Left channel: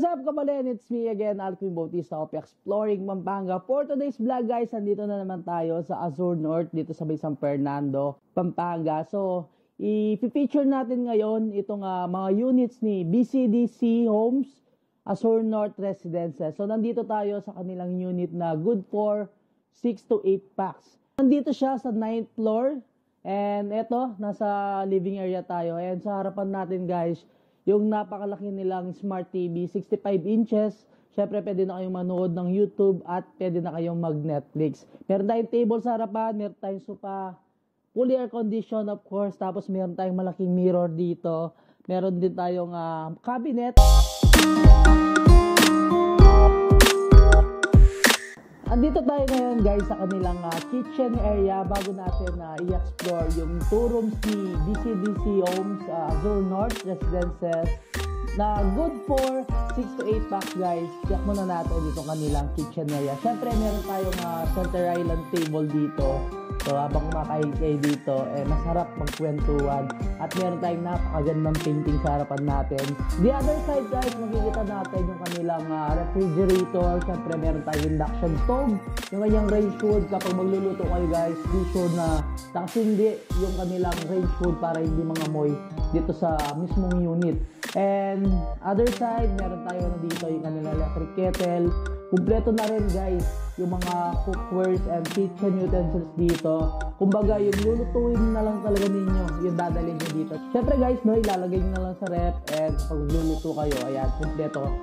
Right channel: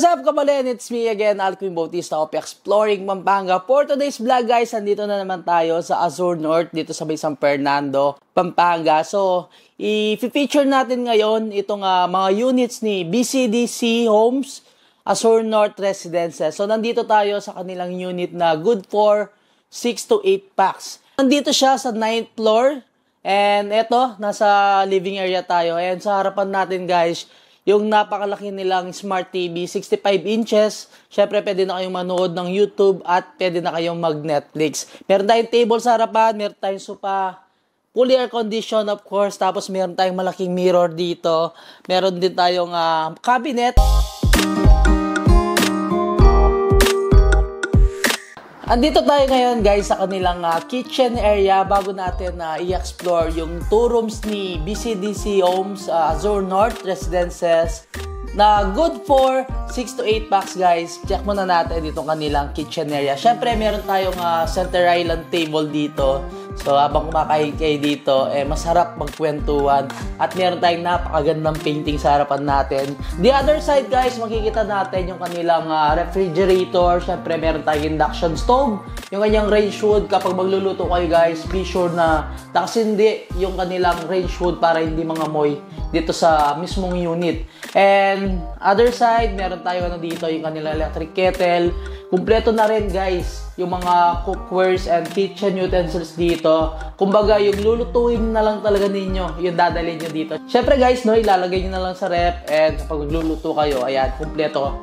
What's up, Kabalen? It's me again, Alquim Bautista of Exploring Pampanga. For today's vlog, guys, nandito na naman tayo sa Azure North, dito sa may San Fernando, Pampanga. So, i-feature natin ngayon itong mga units ni BCDC Homes, Azure North Residences. So, nandito tayo sa kanilang unit na good for 6 to 8 packs. Nandito siya sa 9th floor. And eto, nasa living area tayo. And sa harapan natin, guys, yung napakalaki nilang Smart TV, 65 inches. Syempre, pwede na kayong manood ng YouTube at pwede na kayong mag-Netflix. Meron tayong table sa harapan, meron tayong sofa, fully air condition of course. Tapos meron tayong malaking mirror dito. Meron din tayong cabinet. Andito tayo ngayon, guys, sa kanilang kitchen area bago natin i-explore yung 2 rooms ni BCDC Homes, Azure North Residences na good for 6 to 8 packs, guys. Check muna natin itong kanilang kitchen area. Syempre, meron tayong center island table dito. So, habang kumakain kayo dito, masarap magkwentuhan. At meron tayong napakagandang painting sa harapan natin. The other side, guys, makikita natin yung kanilang refrigerator. Siyempre, meron tayong induction stove. Yung kanyang range wood. Kapag magluluto kayo, guys, be sure na nakasindi yung kanilang range wood para hindi mangamoy dito sa mismong unit. And other side, meron tayong dito yung kanilang electric kettle. Kumpleto na rin, guys, yung mga cookwares and kitchen utensils dito. Kumbaga, yung lulutuin na lang talaga ninyo, yung dadalhin nyo dito. Syempre, guys, no, ilalagay nyo na lang sa ref. And kapag magluluto kayo, ayan, kumpleto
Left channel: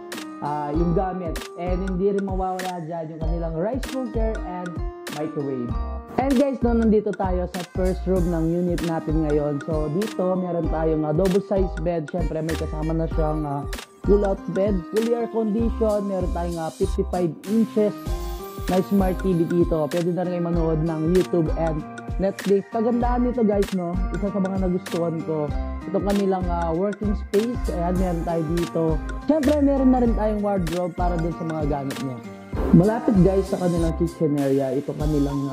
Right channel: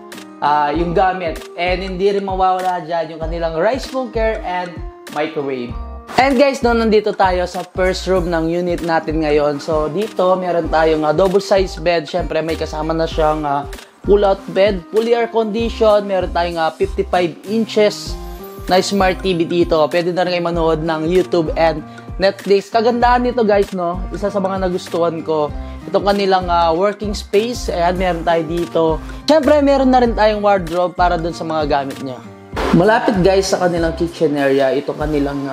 yung gamit. And hindi rin mawawala dyan yung kanilang rice cooker and microwave. And guys, no, nandito tayo sa first room ng unit natin ngayon. So, dito, meron tayong double size bed. Syempre, may kasama na siyang pull-out bed, fully air condition. Meron tayong 55 inches na Smart TV dito. Pwede na rin kayo manood ng YouTube and Netflix. Kagandahan nito, guys, no? Isa sa mga nagustuhan ko, itong kanilang working space. Ayan, meron tayo dito. Siyempre, meron na rin tayong wardrobe para dun sa mga gamit nyo. Malapit, guys, sa kanilang kitchen area, itong kanilang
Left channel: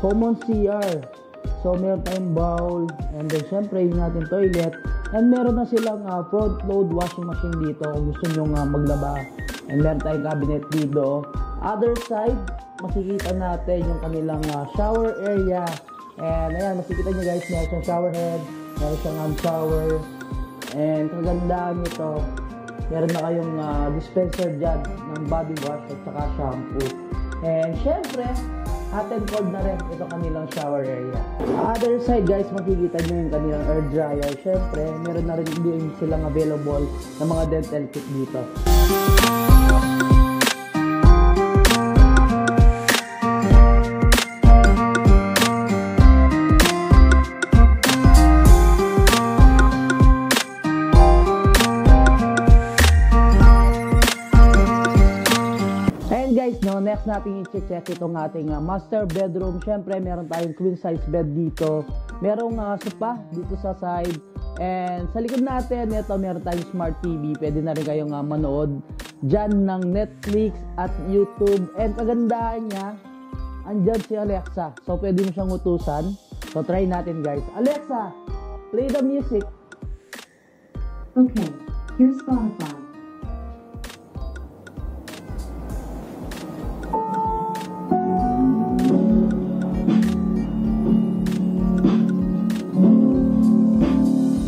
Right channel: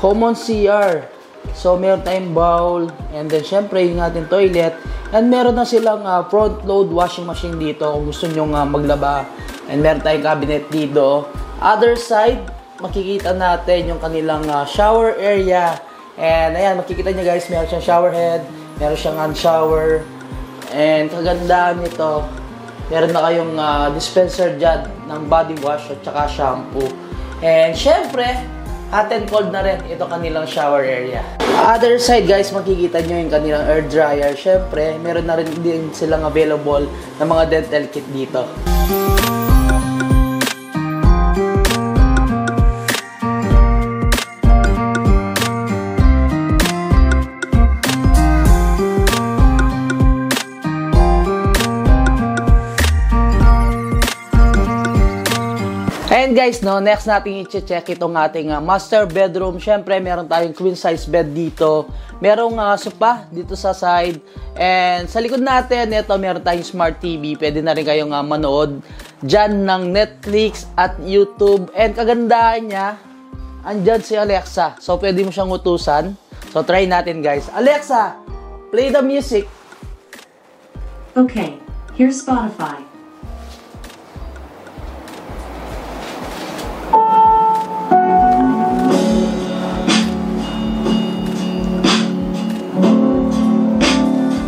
common CR. So, meron tayong bowl, and then, syempre, yung ating toilet. And meron na silang front load washing machine dito kung gusto nyo maglaba. And meron tayong cabinet dito. Other side, makikita natin yung kanilang shower area. And ayan, makikita nyo, guys, meron siyang shower head, meron siyang hand shower. And kagandaan nito, meron na kayong dispenser dyan ng body wash at saka shampoo. And syempre, hot and cold na rin ito kanilang shower area. Other side, guys, makikita nyo yung kanilang air dryer. Syempre, meron na rin din silang available na mga dental kit dito. And guys, no, next natin i-check itong ating master bedroom. Syempre, meron tayong queen size bed dito. Merong sofa dito sa side. And sa likod natin, ito, meron tayong Smart TV. Pwede na rin kayong manood dyan ng Netflix at YouTube. And kagandahan niya, andyan si Alexa. So, pwede mo siyang utusan. So, try natin, guys. Alexa, play the music. Okay, here's Spotify.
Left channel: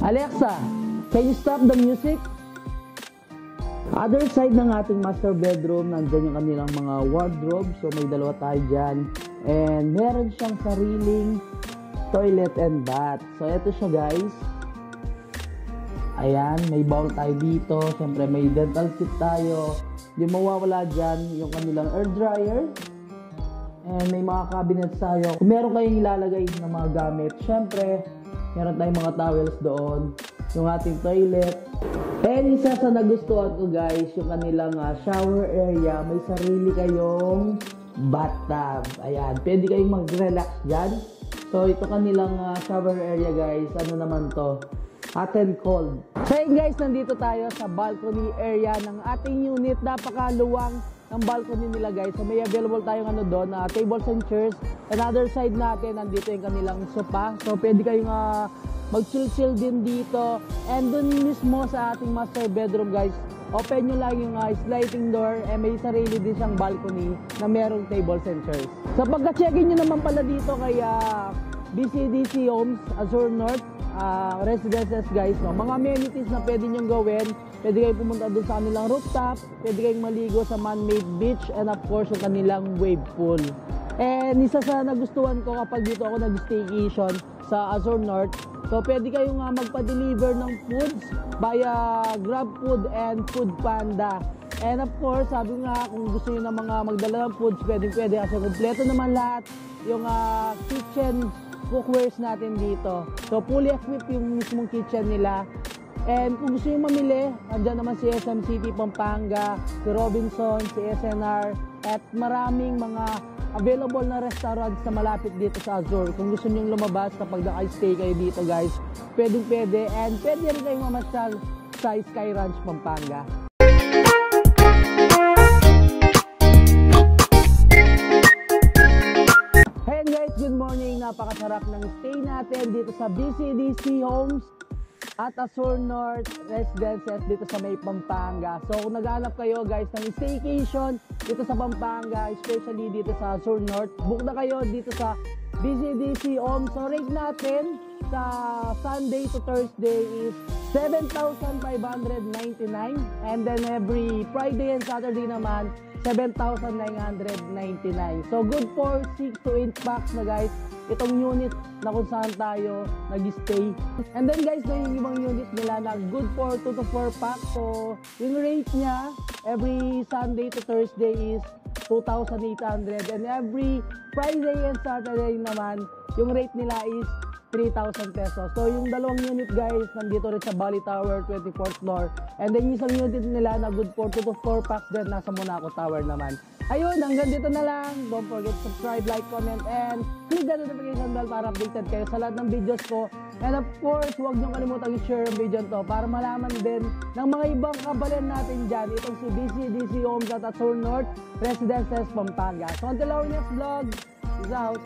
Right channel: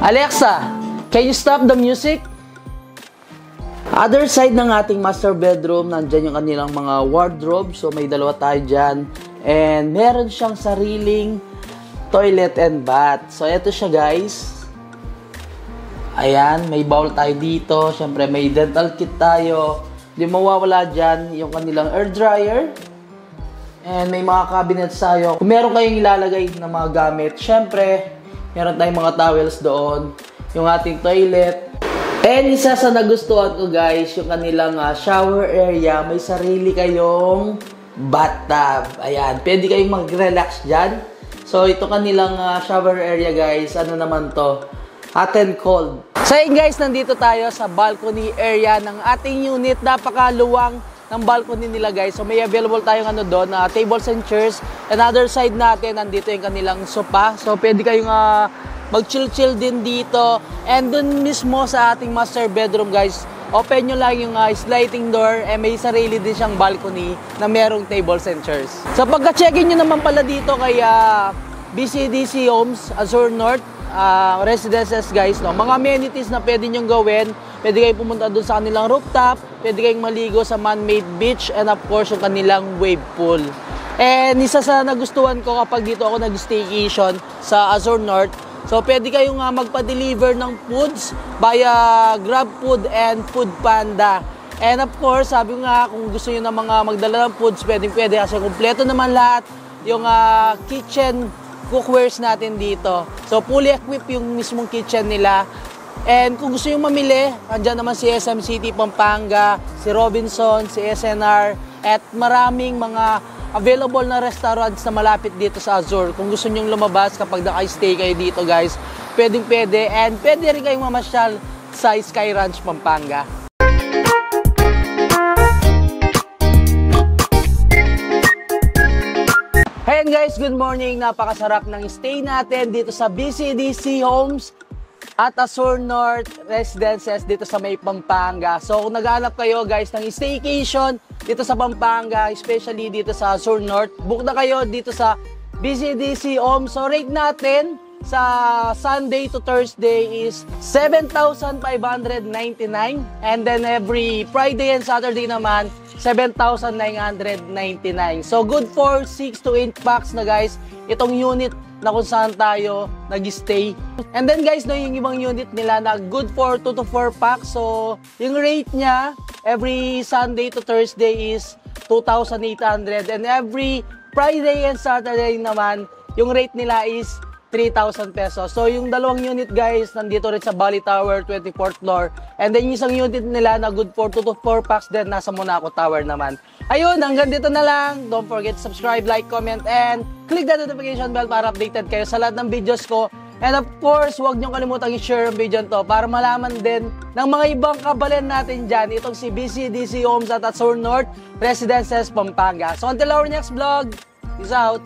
Alexa, can you stop the music? Other side ng ating master bedroom, nandyan yung kanilang mga wardrobe. So, may dalawa tayo dyan. And meron siyang sariling toilet and bath. So, eto siya, guys. Ayan, may bowl tayo dito. Siyempre, may dental kit tayo. Di mawawala dyan yung kanilang air dryer. And may mga cabinets tayo. Kung meron kayong ilalagay ng mga gamit, siyempre, meron tayong mga towels doon, yung ating toilet. And isa sa nagustuhan ko, guys, yung kanilang shower area. May sarili kayong bathtub. Ayan, pwede kayong mag-relax dyan. So, ito kanilang shower area, guys. Ano naman to? Hot and cold. So, yun, guys, nandito tayo sa balcony area ng ating unit. Napakaluwang ng balcony nila, guys. So, may available tayong doon, tables and chairs. And other side natin, nandito yung kanilang sofa. So, pwede kayong mag-chill-chill din dito. And dun mismo sa ating master bedroom, guys, open nyo lang yung sliding door, may sarili din siyang balcony na merong tables and chairs. Sa pagka-check-in nyo naman pala dito kay BCDC Homes, Azure North Residences guys, no? Mga amenities na pwede nyong gawin, pwede kayong pumunta doon sa kanilang rooftop, pwede kayong maligo sa man-made beach, and of course yung kanilang wave pool. And isa sa nagustuhan ko kapag dito ako nag-staycation sa Azure North, so pwede kayong magpa-deliver ng foods via GrabFood and Foodpanda. And of course, sabi nga kung gusto niyo na mga magdala ng foods, pwede kasi kumpleto naman lahat yung kitchen cookwares natin dito. So fully equipped yung mismong kitchen nila. And kung gusto nyo mamili, andyan naman si SM City Pampanga, si Robinson, si SNR, at maraming mga available na restaurants na malapit dito sa Azure. Kung gusto nyo lumabas kapag naka-stay kayo dito guys, pwede. And pwede rin kayong mamasyal sa Sky Ranch Pampanga. Ayan guys, good morning. Napakasarap ng stay natin dito sa BCDC Homes at Azure North Residences dito sa may Pampanga. So kung naghahanap kayo guys ng staycation dito sa Pampanga, especially dito sa Azure North, book na kayo dito sa BCDC Homes. So rate natin sa Sunday to Thursday is 7,599, and then every Friday and Saturday naman 7,999. So good for 6 to 8 packs na guys itong unit na kung saan tayo nag-stay. And then guys, yung ibang unit nila na good for 2 to 4 packs. So yung rate niya every Sunday to Thursday is 2,800, and every Friday and Saturday naman yung rate nila is 3,000 pesos. So yung dalawang unit guys nandito rin sa Bali Tower 24th floor, and then yung isang unit nila na good for 2 to 4 packs din nasa Monaco Tower naman. Ayun, hanggang dito na lang. Don't forget to subscribe, like, comment, and click the notification bell para updated kayo sa lahat ng videos ko. And of course, huwag niyong kalimutang i-share ang video to para malaman din ng mga ibang kabalan natin dyan itong si BCDC Homes at Azure North Residences Pampanga. So until our next vlog, peace out!